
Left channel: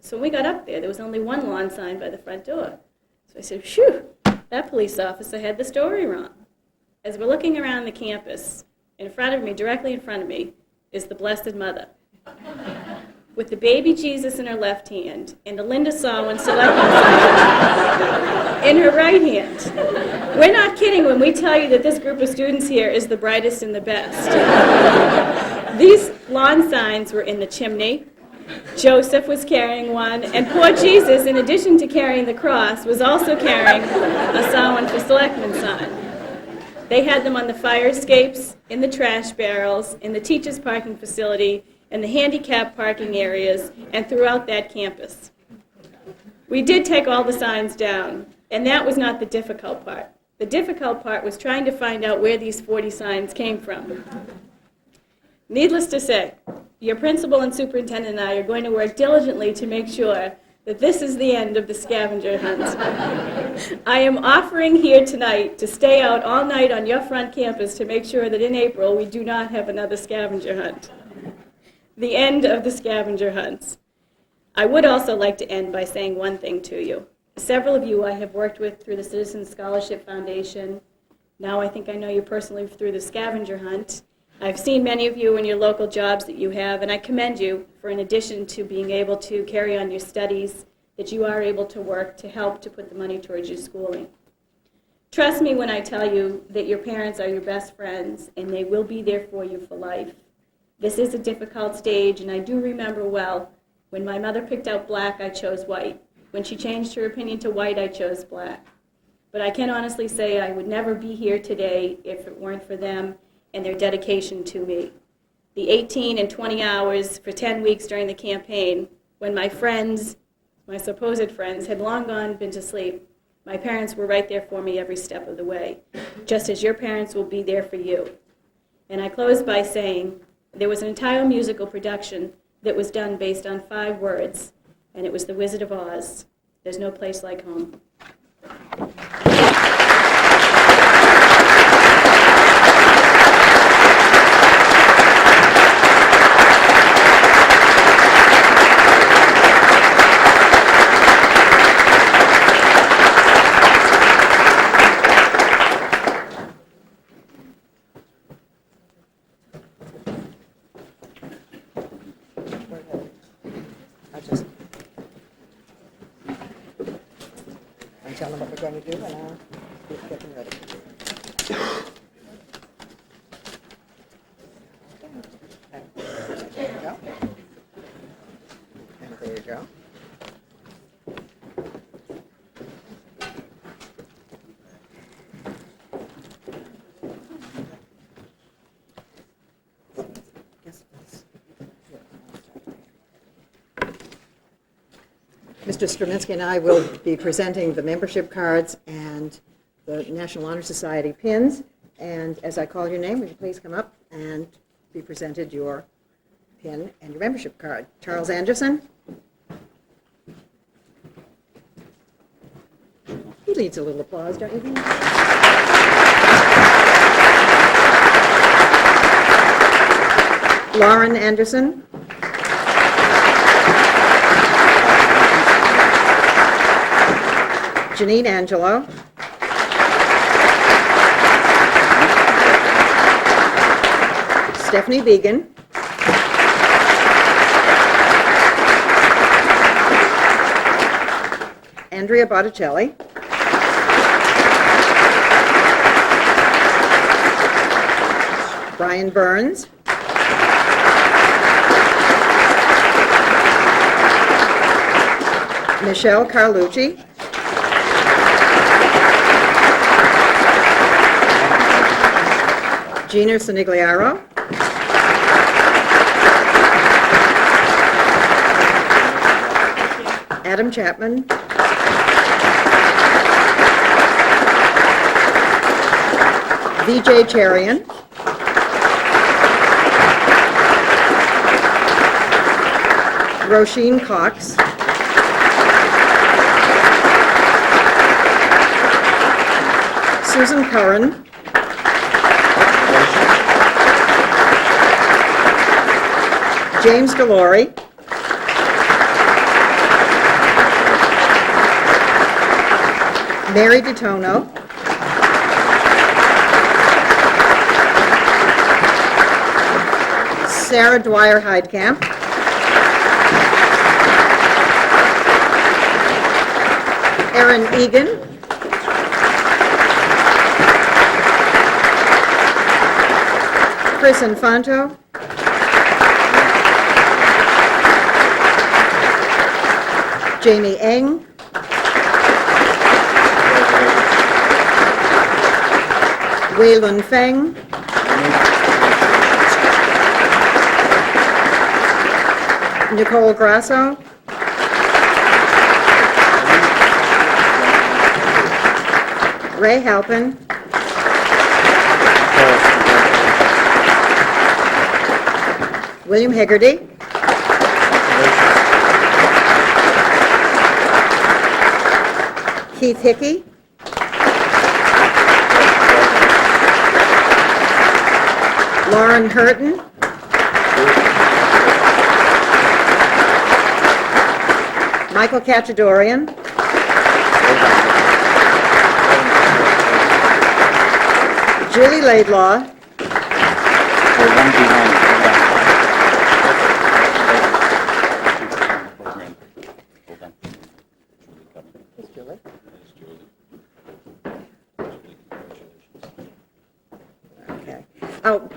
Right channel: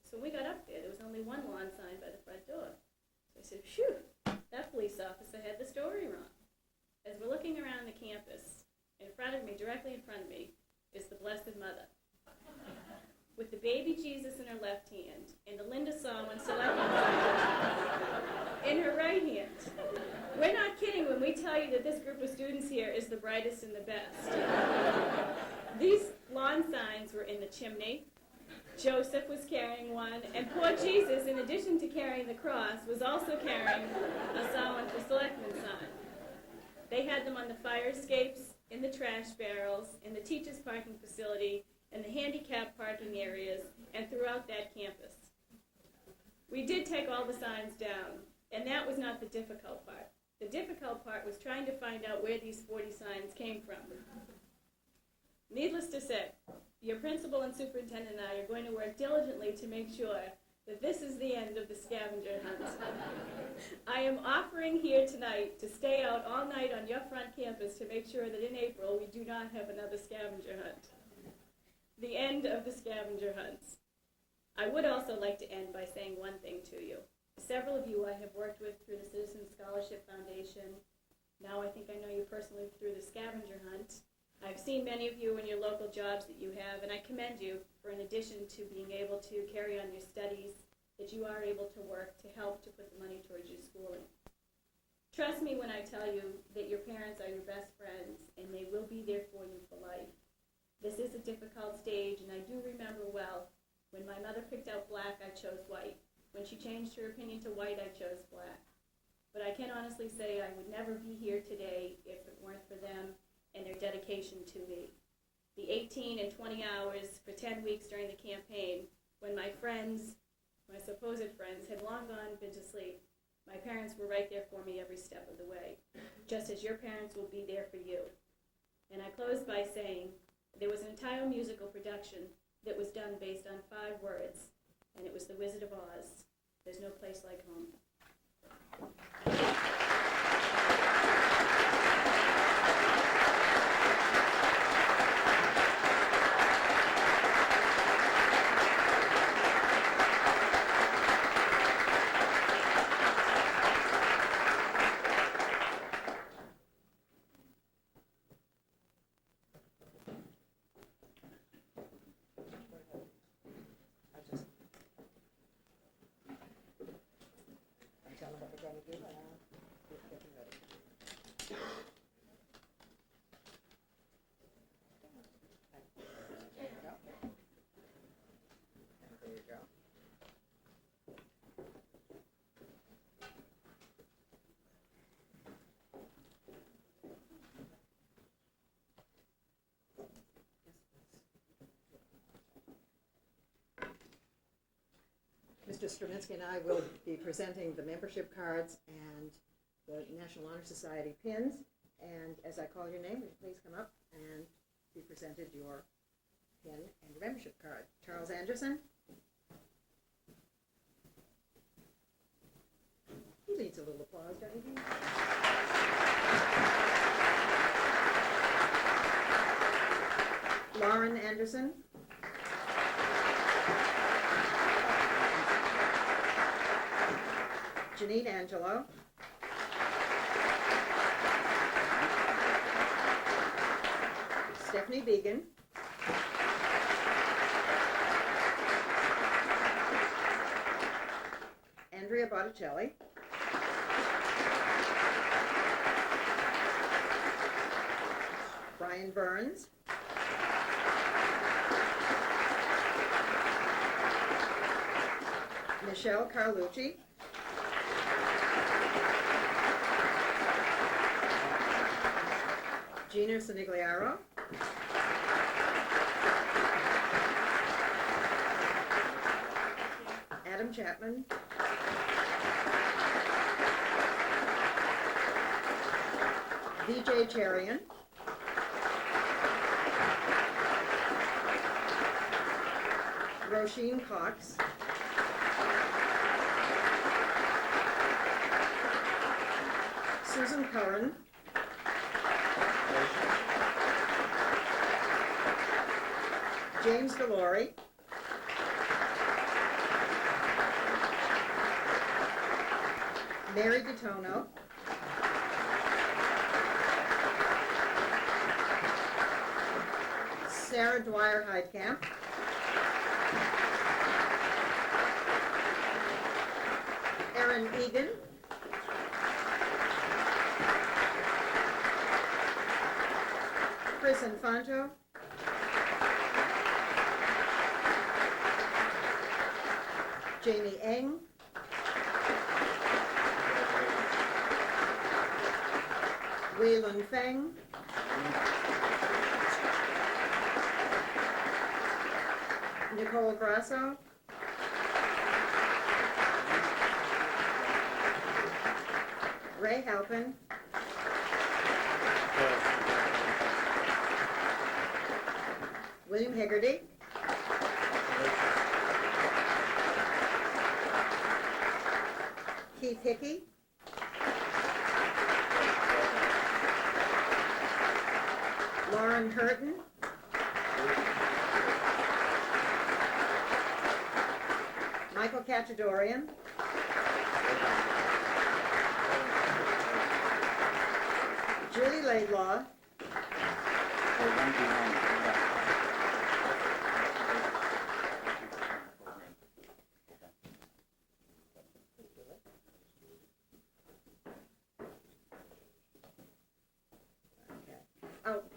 So when we got up there was only one lawn sign by the front door. So I said, phew, that police officer had the story wrong. As we're looking around the campus, in front of me, directly in front of me, is the Blessed Mother, with the baby Jesus in her left hand and the Linda Sawin selectman sign in her right hand. We're not kidding when we tell you that this group of students here is the brightest and the best. These lawn signs were in the chimney. Joseph was carrying one, and poor Jesus, in addition to carrying the cross, was also carrying a Sawin for selectman sign. They had them on the fire escapes, in the trash barrels, in the teachers' parking facility, in the handicap parking areas, and throughout that campus. We did take all the signs down, and that was not the difficult part. The difficult part was trying to find out where these 40 signs came from. Needless to say, your principal and superintendent and I are going to work diligently to make sure that this is the end of the scavenger hunt. I am offering here tonight to stay out all night on your front campus to make sure that in April we do not have another scavenger hunt. The end of the scavenger hunts. I would also like to end by saying one thing to you. Several of you I have worked with through the Citizens Scholarship Foundation. Now I think I know you personally through the scavenger hunt. I've seen many of you in your local jobs that you have, and I commend you for, in addition to being able to carry on your studies, that you are able to work to help to put the money towards your schooling. Trust me when I tell you that your parents are your best friends, and they will be there for you for life. This is a difficult stage, and I do remember well, when my mother picked out black, I chose white. When she changed her opinion to white, I chose black. But I can honestly say I would never be here today if it weren't for them and their dedication to me. The 18 and 20 hours for 10 weeks during the campaign, when my friends, my supposed friends, had long gone been to sleep, my parents were right there for me every step of the way, just as your parents will be there for you. And I close by saying there was an entire musical production that was done based on 5 words, and it was The Wizard of Oz. There's no place like home. Tell them what we're going to do, and I'll get them ready. There you go. And there you go. Mr. Straminsky and I will be presenting the membership cards and the National Honor Society pins. And as I call your name, would you please come up and be presented your pin and your membership card. Charles Anderson. He needs a little applause, don't you think? Lauren Anderson. Janine Angelo. Stephanie Began. Andrea Botticelli. Brian Burns. Michelle Carlucci. Gina Sinigliaro. Adam Chapman. VJ Cherian. Roisin Cox. Susan Curran. James Galori. Mary DeTono. Sarah Dwyer Heidkamp. Erin Egan. Chris Infanto. Jamie Eng. Weilun Feng. Nicole Grasso. Ray Halpin. William Hegarty. Keith Hickey. Lauren Hurton. Michael Cachadorian. Julie Laidlaw. Okay. Oh,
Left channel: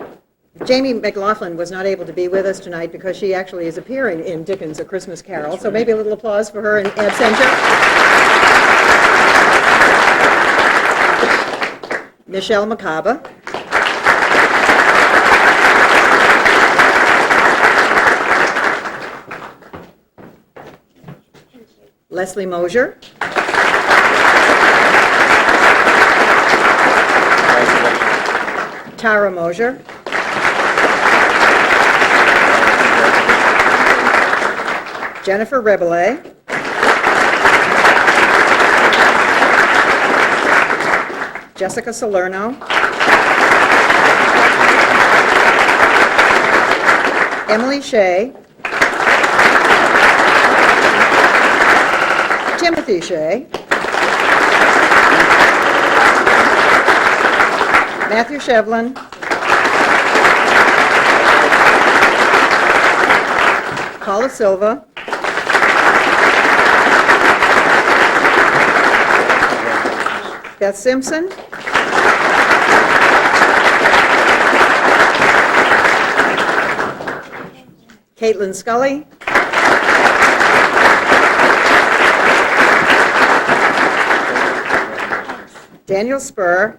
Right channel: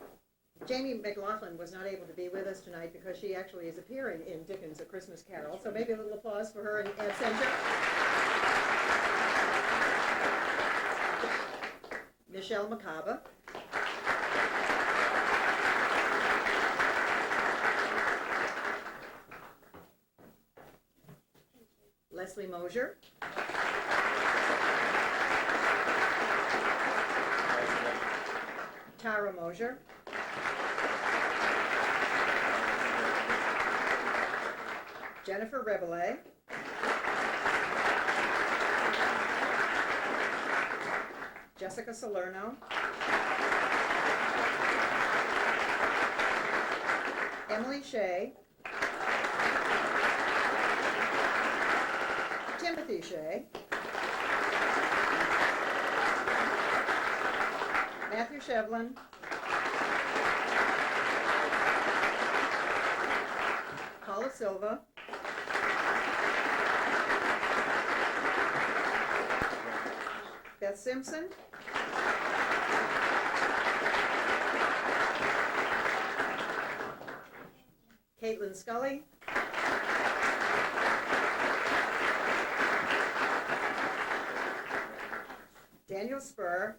Jamie McLaughlin was not able to be with us tonight because she actually is appearing in Dickens' A Christmas Carol. So maybe a little applause for her in absentia. Michelle McCaba. Leslie Mosier. Tara Mosier. Jennifer Rebele. Jessica Salerno. Emily Shea. Timothy Shea. Matthew Shevlin. Paula Silva. Beth Simpson. Caitlin Scully. Daniel Spur.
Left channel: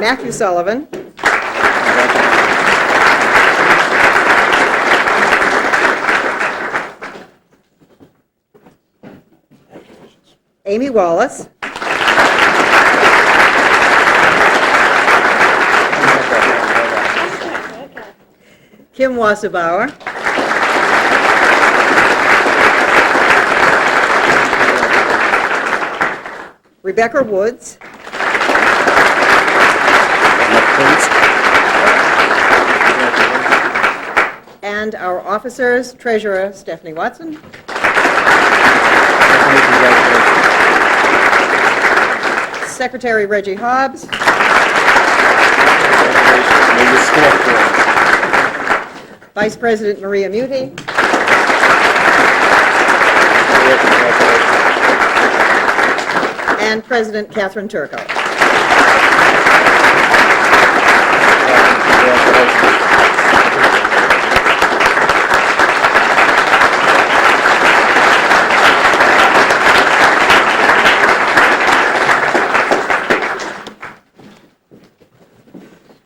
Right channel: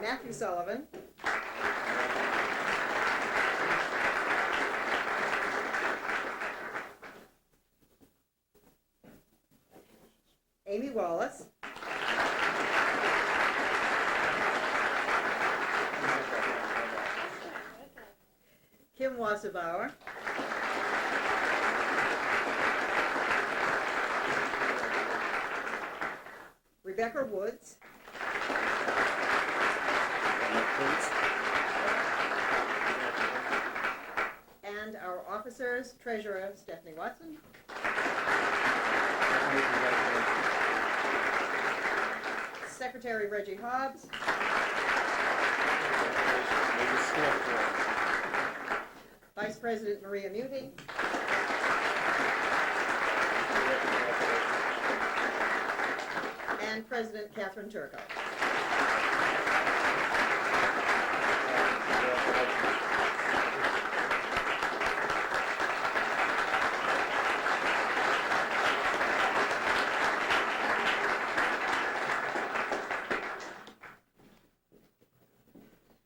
Matthew Sullivan. Amy Wallace. Kim Wasserbauer. Rebecca Woods. And our officers, Treasurer Stephanie Watson. Secretary Reggie Hobbs. Vice President Maria Muti. And President Catherine Turco.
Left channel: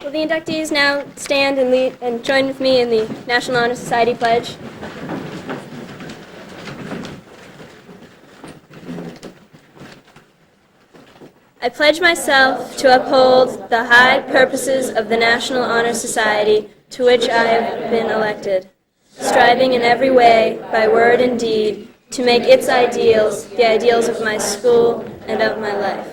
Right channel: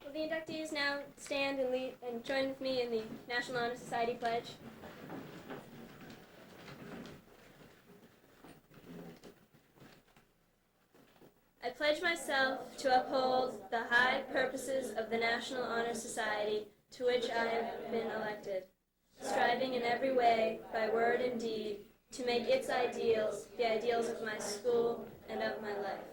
Will the inductees now stand and lead and join with me in the National Honor Society pledge? I pledge myself to uphold the high purposes of the National Honor Society to which I have been elected, striving in every way, by word and deed, to make its ideals the ideals of my school and of my life.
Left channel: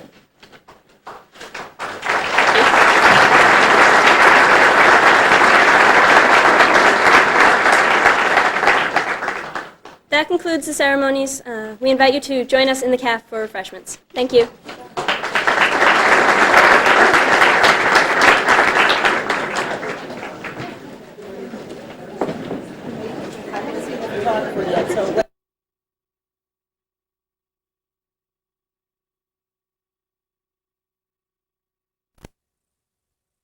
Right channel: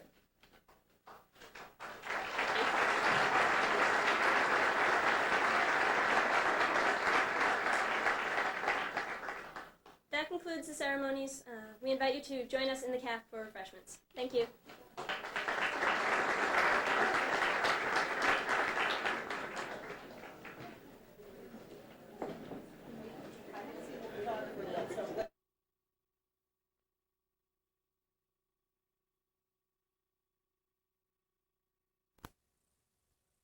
that concludes the ceremonies. We invite you to join us in the caf for refreshments. Thank you.